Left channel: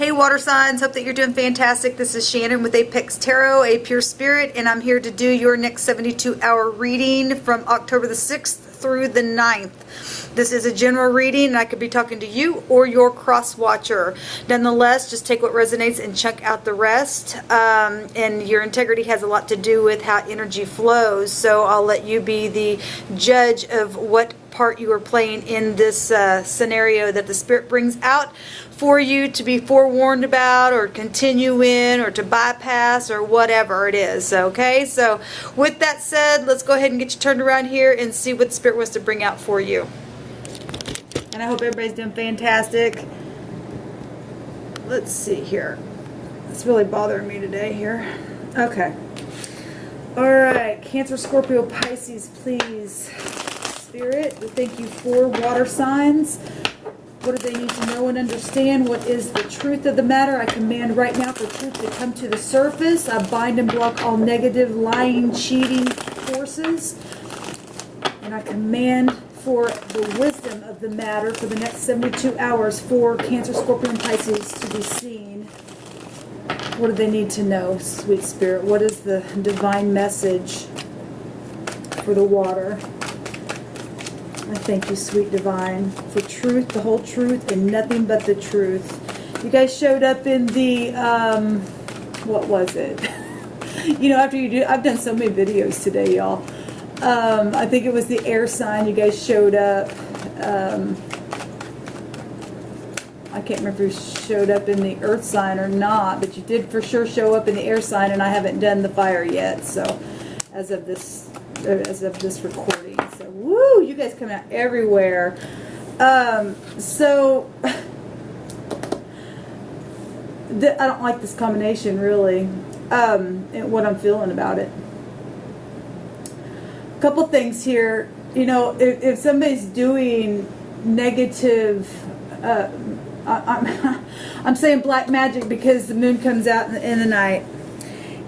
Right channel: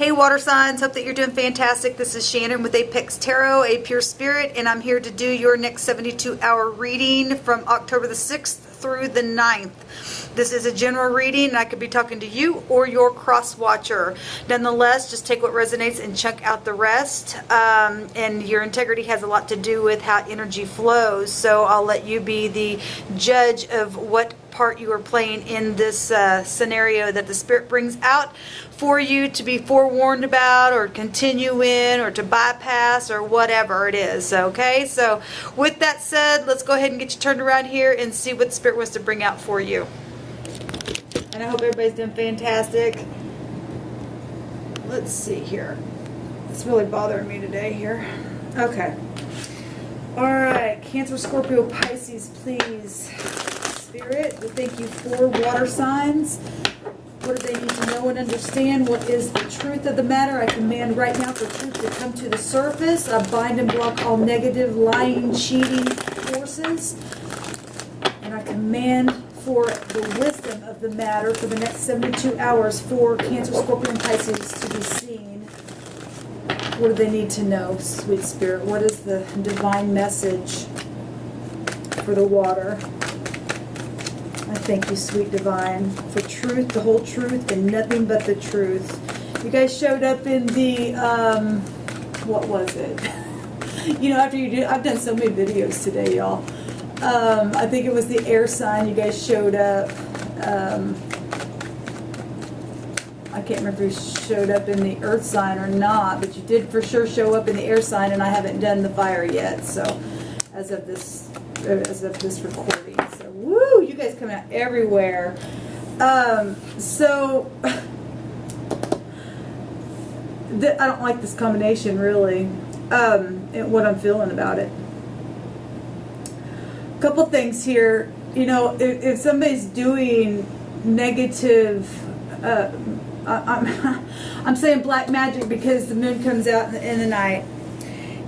Hey water signs, hope that you're doing fantastic. This is Shannon with Apex Tarot, a pure spirit, and I'm here to do your next 72-hour reading from October the 6th through the 9th. This is a general reading, and I could be talking to you or your cross-watcher. Nonetheless, just take what resonates and chunk out the rest. And your integrity has a lot to do with how energy flows, so I'll let you be the judge of what part you are playing in this scenario that the Spirit brings out for you to be forewarned about, or continue in, or to bypass, or whatever it is. Okay, so with that said, let's go ahead and get you turned around here and see what the Spirit wants to bring out for you. And I hope everybody's doing fantastic. Let's see here. It's really bothering me today here. Okay. Alright, Cancer, Scorpio, Pisces, please. Spirit, we thank you for water signs. What do they need to know and understand? What is the truth of the matter? I command right now for truth to come to the surface. I bind and block all negative, lying, cheating forces. And I command for the wisdom of the matter for the next 72 hours for Cancer, Scorpio, and Pisces to be seen. What do they need to know, sweet Spirit? What is the divine message for the water? I thank you, sweet divine, for truth, the whole truth, and nothing but the truth. You guys showed up in the, what was it? You know, after you do, I've done so many videos today, y'all. I think it was the air sign. You guys showed up. I can't remember if you showed up in the earth sign or not, but you did for sure show up in the air sign, and I haven't done the fire yet. So, as of this recording, so woo, you guys coming out everywhere. So I don't like this combination really. And what I'm feeling about it. Couple things here. You know, if somebody's doing negative, I'm saying black magic because the moon comes out in the night,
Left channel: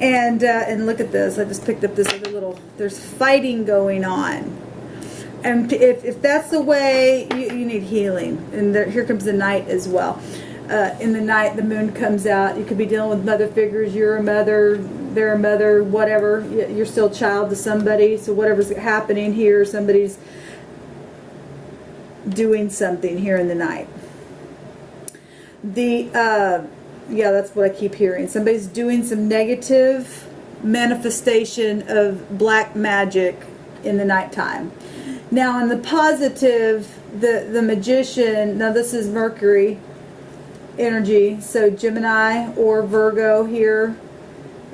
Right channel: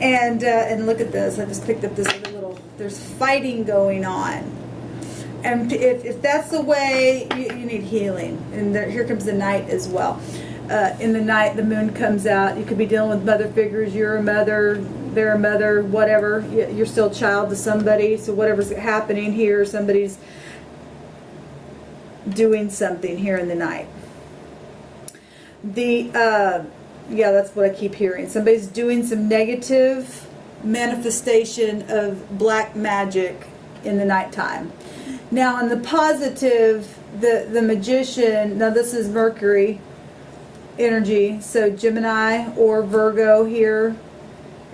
and look at this. I just picked up this little. There's fighting going on, and if that's the way you need healing, and here comes the night as well. In the night, the moon comes out. You could be dealing with mother figures. You're a mother. They're a mother, whatever. You're still a child to somebody. So whatever's happening here, somebody's doing something here in the night. Yeah, that's what I keep hearing. Somebody's doing some negative manifestation of black magic in the nighttime. Now, in the positive, the magician. Now, this is Mercury energy, so Gemini or Virgo here.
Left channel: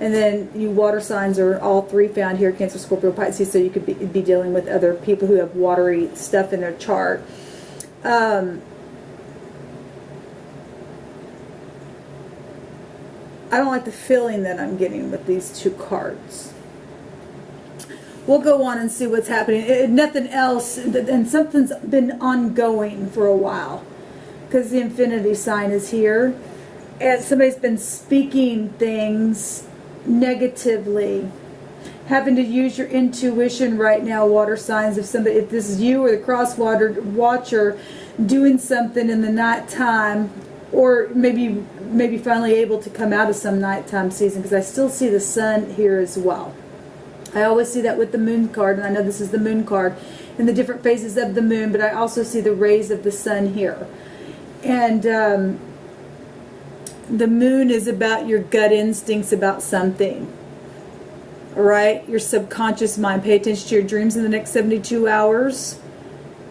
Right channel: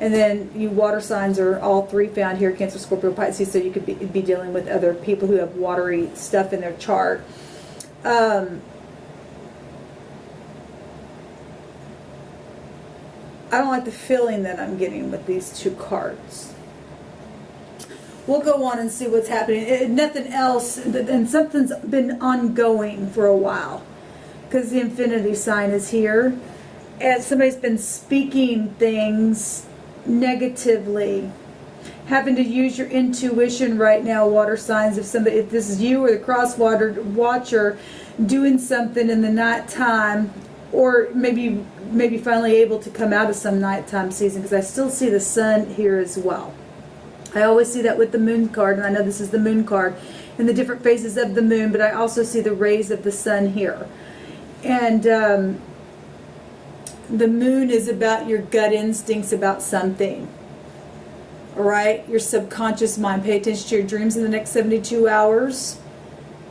And then you water signs are all three found here, Cancer, Scorpio, Pisces, so you could be dealing with other people who have watery stuff in their chart. I don't like the feeling that I'm getting with these two cards. We'll go on and see what's happening. Nothing else, and something's been ongoing for a while because the infinity sign is here. And somebody's been speaking things negatively, having to use your intuition right now, water signs. If this is you or the cross watcher doing something in the nighttime, or maybe finally able to come out of some nighttime season, because I still see the sun here as well. I always see that with the moon card, and I know this is the moon card and the different phases of the moon, but I also see the rays of the sun here. And the moon is about your gut instincts about something. All right? Your subconscious mind. Pay attention to your dreams in the next 72 hours.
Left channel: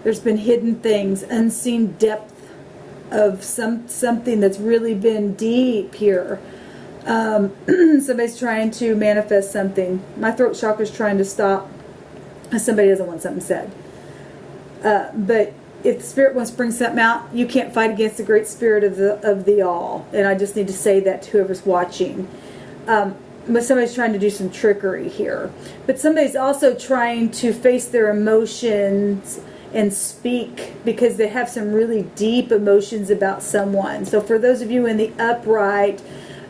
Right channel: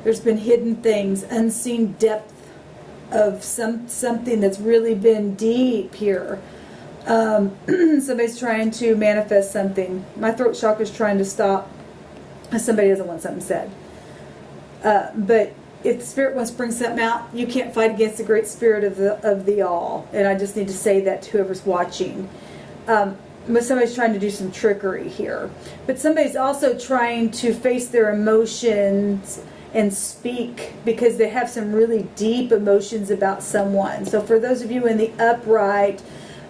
There's been hidden things, unseen depth of something that's really been deep here. Somebody's trying to manifest something. My throat chakra is trying to stop. Somebody doesn't want something said. But if the Spirit wants to bring something out, you can't fight against the great Spirit of the all. And I just need to say that to whoever's watching. But somebody's trying to do some trickery here. But somebody's also trying to face their emotions and speak because they have some really deep emotions about someone. So for those of you in the upright,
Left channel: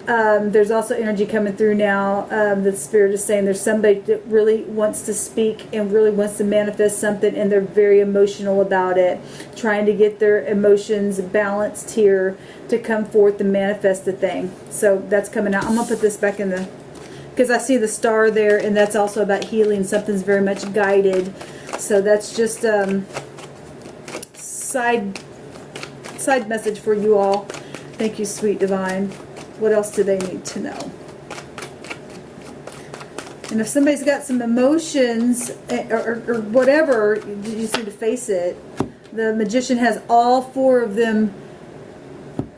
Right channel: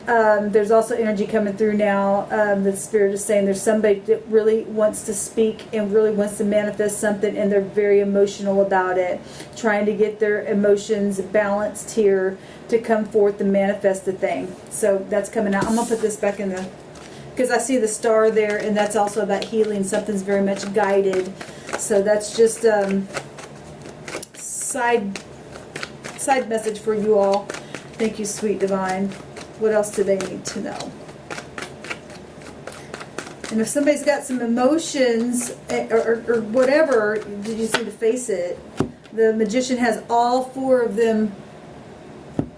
There's also energy coming through now. The Spirit is saying there's somebody that really wants to speak and really wants to manifest something, and they're very emotional about it, trying to get their emotions balanced here to come forth and manifest the thing. So that's coming out. I'm going to put this back in the, because I see the star there, and that's also about healing. Something's very much guided. So that's just side message for you all. Thank you, sweet divine. What else do they need to know? And if somebody's got some emotions or whatever, you just need to face it. The Magician has all 4 of them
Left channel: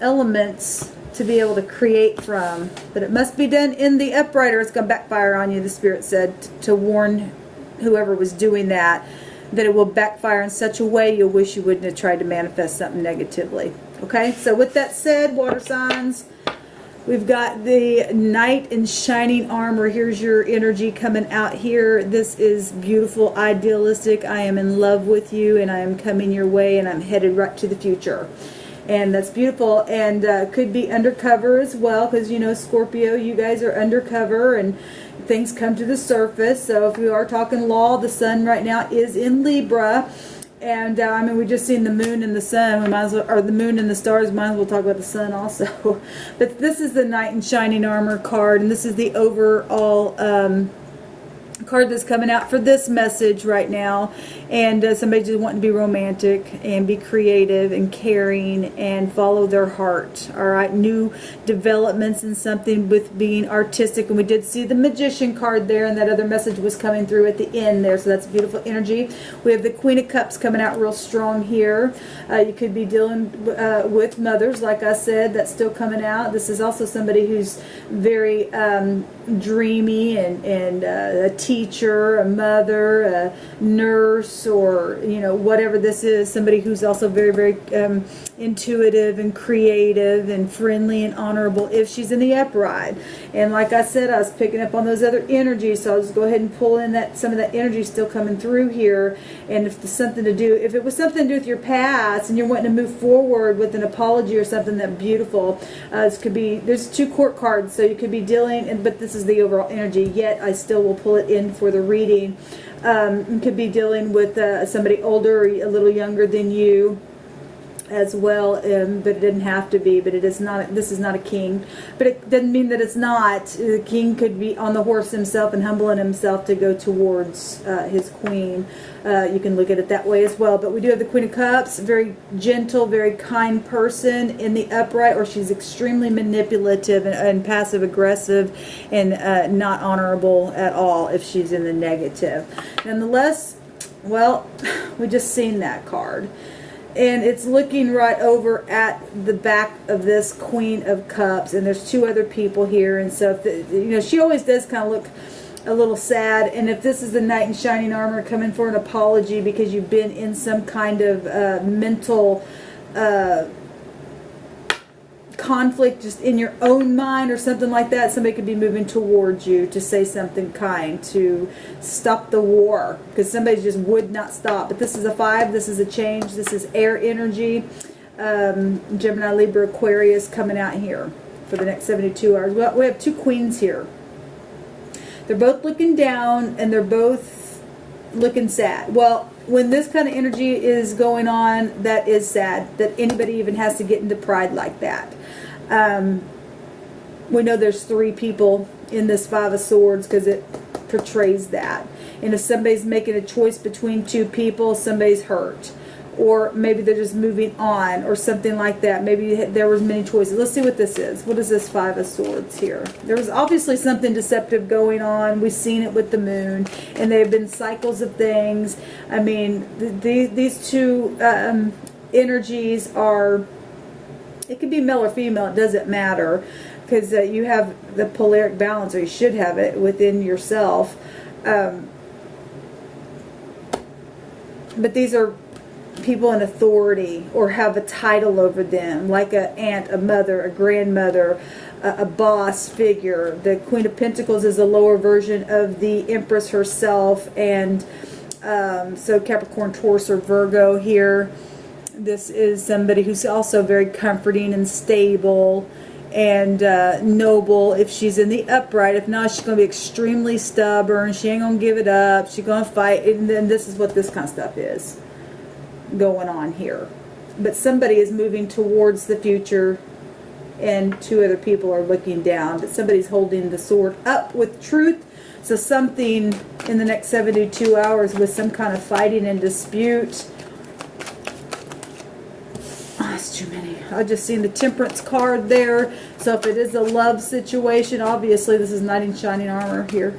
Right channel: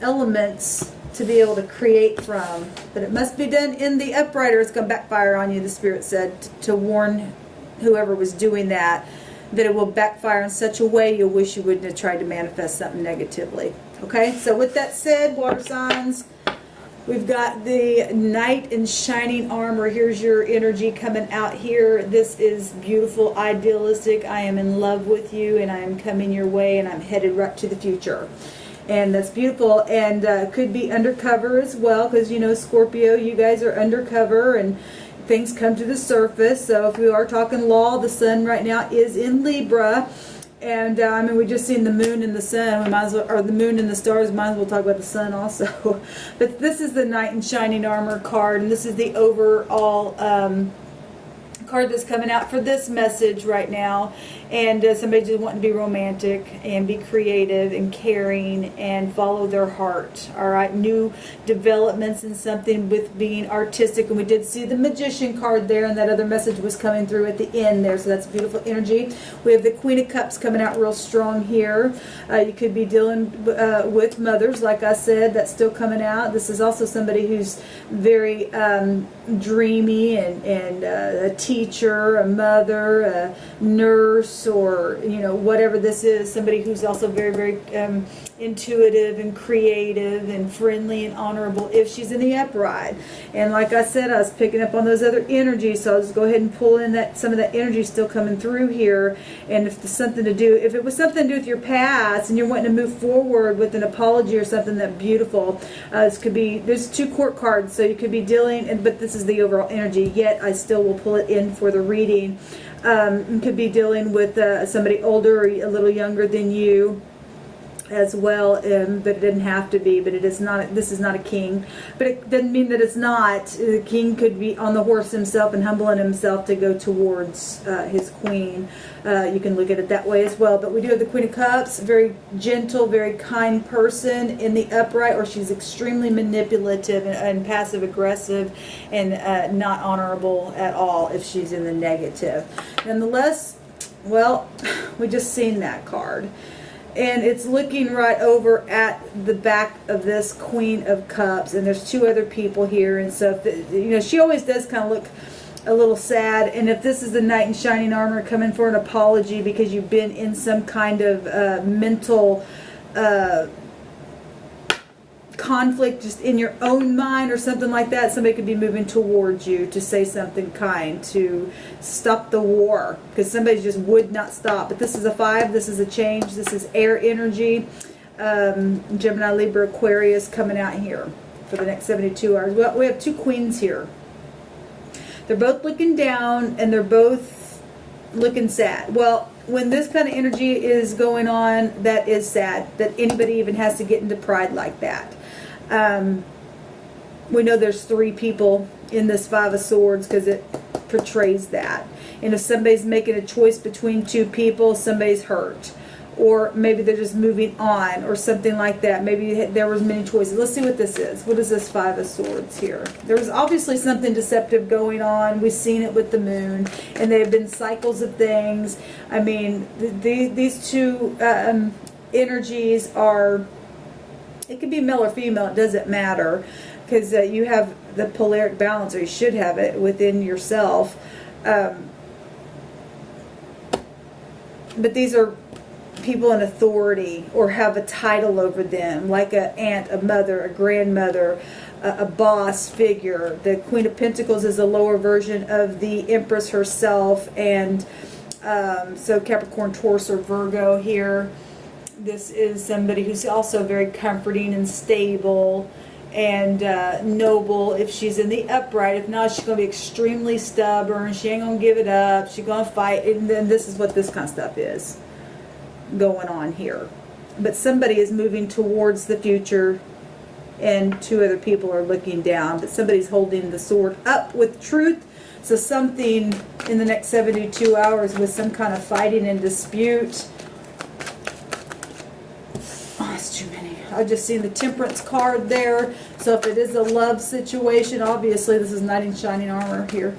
elements to be able to create from. But it must be done in the upright or it's going to backfire on you, the Spirit said, to warn whoever was doing that it will backfire in such a way you'll wish you wouldn't have tried to manifest something negatively. Okay, so with that said, water signs, we've got the Knight in Shining Armor. Here's your energy coming out here. This is beautiful, idealistic. I am in love with you, and I am coming your way, and I'm headed right to the future. And that's beautiful, and could be undercover as well, because, you know, Scorpio, you guys are undercover, and things come to the surface. So if we are talking law, the sun right now is in Libra. And, I mean, we just seen the moon and the sun. We might as well, or the moon and the stars. Might as well talk about the sun also. But this is the Knight in Shining Armor card. And this is the overall card that's coming out for this message right now. And somebody just wanting to be romantic and be creative and caring and follow their heart. All right, new developments in something with being artistic. And we did see the Magician card there, and that other message was coming through at the end there. So that's beautiful energy. We have the Queen of Cups coming out real strong here. You could be dealing with mothers, like I said. That's still coming out. This is also somebody who's very dreamy and a teacher, a mother, a nurse, or, you know, whatever this is. Somebody who's also very, very intuitive and creative and friendly and honorable if she's in the upright. And like I said, I was picking up on those other energies, so I'll just go ahead and pull in that some of that energy still coming through here. And if there's something to do, if it was something to do with your past and you're wanting to move forward with an apology or something, that beautiful. This could be, there's 2 court cards, so you could be dealing, but this is the overall energy, yet I still will pull it in for the reading. You could be dealing with somebody older or a little younger than you as well, but it didn't have to be. But it is not. This is not a king, but it doesn't mean that it's not. The king could be on the horse himself and humbling himself to go towards his queen. You can look at it that way as well. But we do have the Queen of Cups, very gentle, very kind person in the upright, or she's extremely manipulative and passive aggressive and not honorable at all if she's in the negative. Nonetheless, well, we just seen that card. And it's looking right over at the back of this Queen of Cups, and there's 2 other people here, and so you know, she always does kind of look a little sad. And if this is the Knight in Shining Armor coming for an apology because you've been in some kind of mental conflict just in your own mind or something like that, somebody could be moving towards you to say something kind, to stop the war, because somebody just would not stop. But this is a 5, this is a change, this is air energy. Gemini, Libra, Aquarius coming out here for the next 72 hours. We have 2 queens here. They're both looking down and they're both looking sad. Well, when this kind of energy is going on, that is sad, that anybody even has to get into pride like that. We know there's 3 people in this 5 of Swords because it portrays that. And if somebody's making a choice between 2 people, somebody's hurt. Or maybe they're just moving on or something like that. Maybe there was many choices. Let's see what this is. What is this 5 of Swords here? There's obviously something deceptive going on. We've seen it with the moon. And there have been cycles of things. I mean, these 2 energies are... It could be male or female, it doesn't matter, because you have the polaric balance, or you should have it within yourself. But these are people in authority or have a title over them, like an aunt, a mother, a grandmother, a boss figure. The Queen of Pentacles is a lower version of the Empress herself, and so Capricorn, Taurus, or Virgo here. This is somebody who's also very comforting and stable and noble if she's in the upright. If not, she's going to be extremely stubborn. She ain't going to give it up. She's going to fight. And then this is what this kind of stuff is going on here. But somebody is moving towards the future, and two other people are looking down. But somebody's holding the sword up with truth. So something in the next 72 hours with some kind of fighting and dispute. Oh, it's too many. I just seen the Temperance card there. So if it is a love situation, obviously this is Knight in Shining Armor here.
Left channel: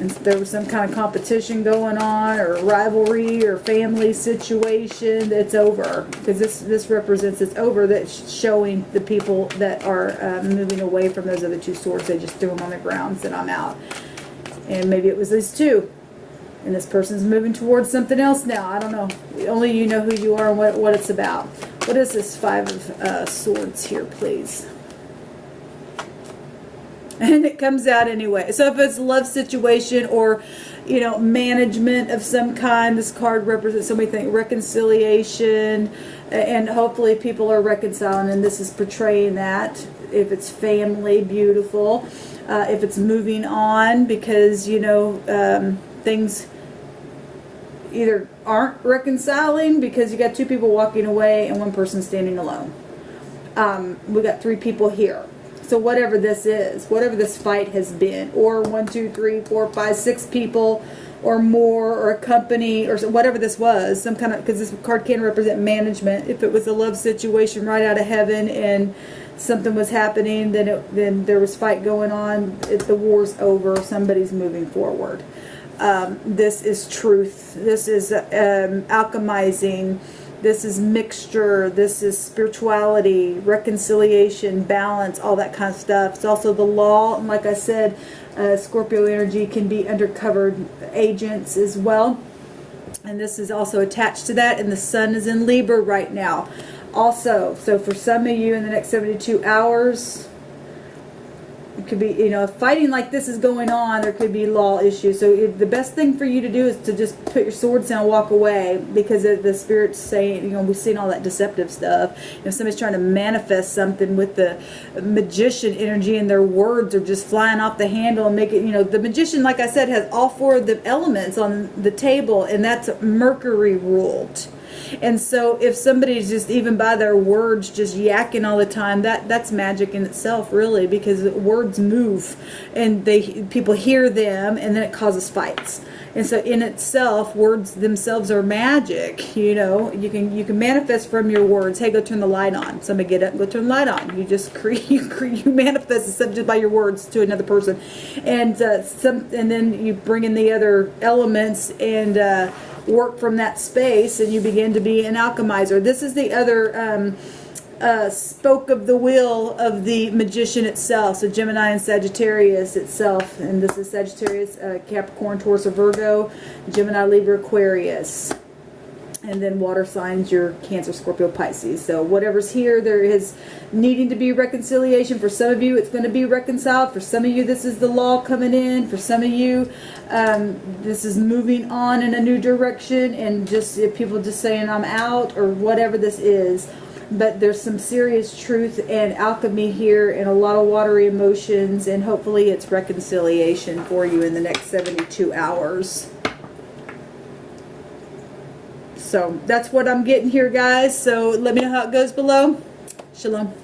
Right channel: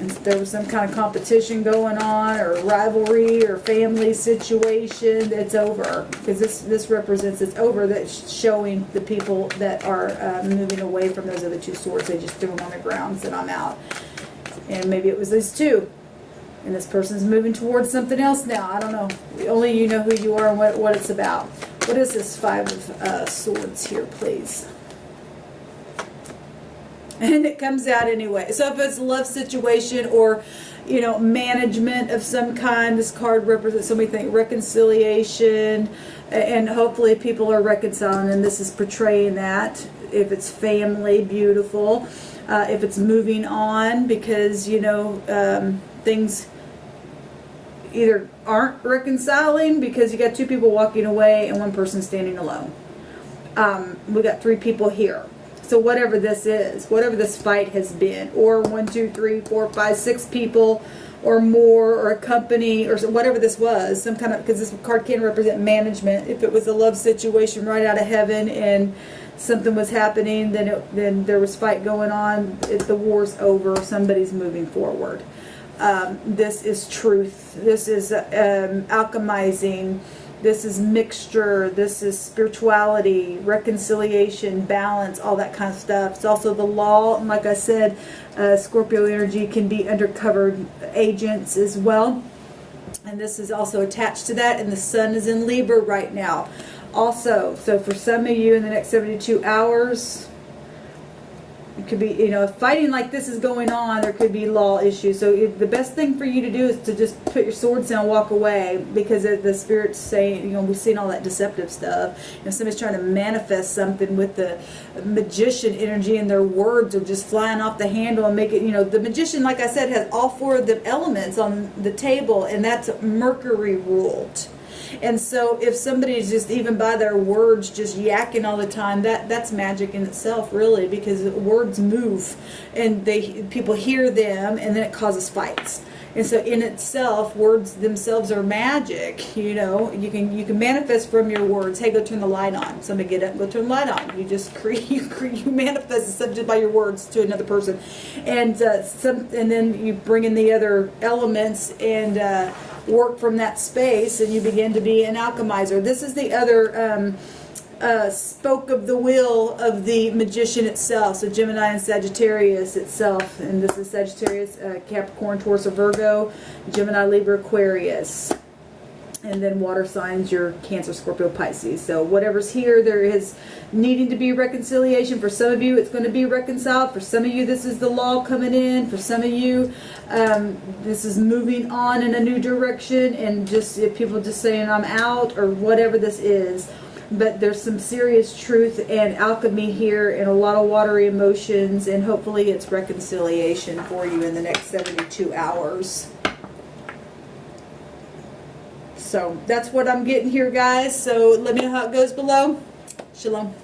And there was some kind of competition going on, or rivalry, or family situation. It's over, because this represents it's over. That's showing the people that are moving away from those other two swords. They just threw them on the ground and said, I'm out. And maybe it was these two, and this person's moving towards something else now. I don't know. Only you know who you are and what it's about. What is this Five of Swords here, please? And it comes out anyway. So if it's a love situation, or, you know, management of some kind, this card represents so many things. Reconciliation, and hopefully people are reconciling, and this is portraying that. If it's family, beautiful. If it's moving on, because, you know, things either aren't reconciling because you got two people walking away and one person standing alone. We got three people here. So whatever this is, whatever this fight has been, or 1, 2, 3, 4, 5, 6 people or more, or a company, or whatever this was, some kind of, because this card can represent management. If it was a love situation right out of heaven and something was happening, then there was fight going on. The war's over. Somebody's moving forward. This is truth. This is alchemizing. This is mixture. This is spirituality, reconciliation, balance, all that kind of stuff. It's also the law. And like I said, Scorpio energy can be undercover agents as well. And this is also attached to that. And the sun is in Libra right now. Also, so for some of you in the next 72 hours, it could be, you know, fighting like this is going on. There could be law issues. So the best thing for you to do is to just put your swords down and walk away, because the Spirit's saying, you know, we've seen all that deceptive stuff. If somebody's trying to manifest something with the magician energy, and their words are just flying off the handle and make it, you know, the magician, like I said, has all 4 of the elements on the table, and that's Mercury ruled. And so if somebody's just, even by their words, just yakking all the time, that's magic in itself, really, because words move, and people hear them, and then it causes fights. And so in itself, words themselves are magic. You know, you can manifest from your words. Hey, go turn the light on. Somebody get up and go turn the light on. You just you manifest the subject by your words to another person, and then you bring in the other elements and work from that space, and you begin to be an alchemizer. This is the other spoke of the wheel of the magician itself. So Gemini and Sagittarius itself, and this is Sagittarius, Capricorn, Taurus, or Virgo, Gemini, Libra, Aquarius, and then water signs, your Cancer, Scorpio, Pisces. So whatever's here, there is needing to be reconciliation. For some of you, it's going to be reconciled. For some of you, this is the law coming in. For some of you, this is moving on in a new direction, and just people just saying I'm out, or whatever this is. But there's some serious truth and alchemy here, and a lot of watery emotions, and hopefully it's reconciliation for you in the next 72 hours. So that's what I'm getting here, guys. So let me know how it goes below. Shalom.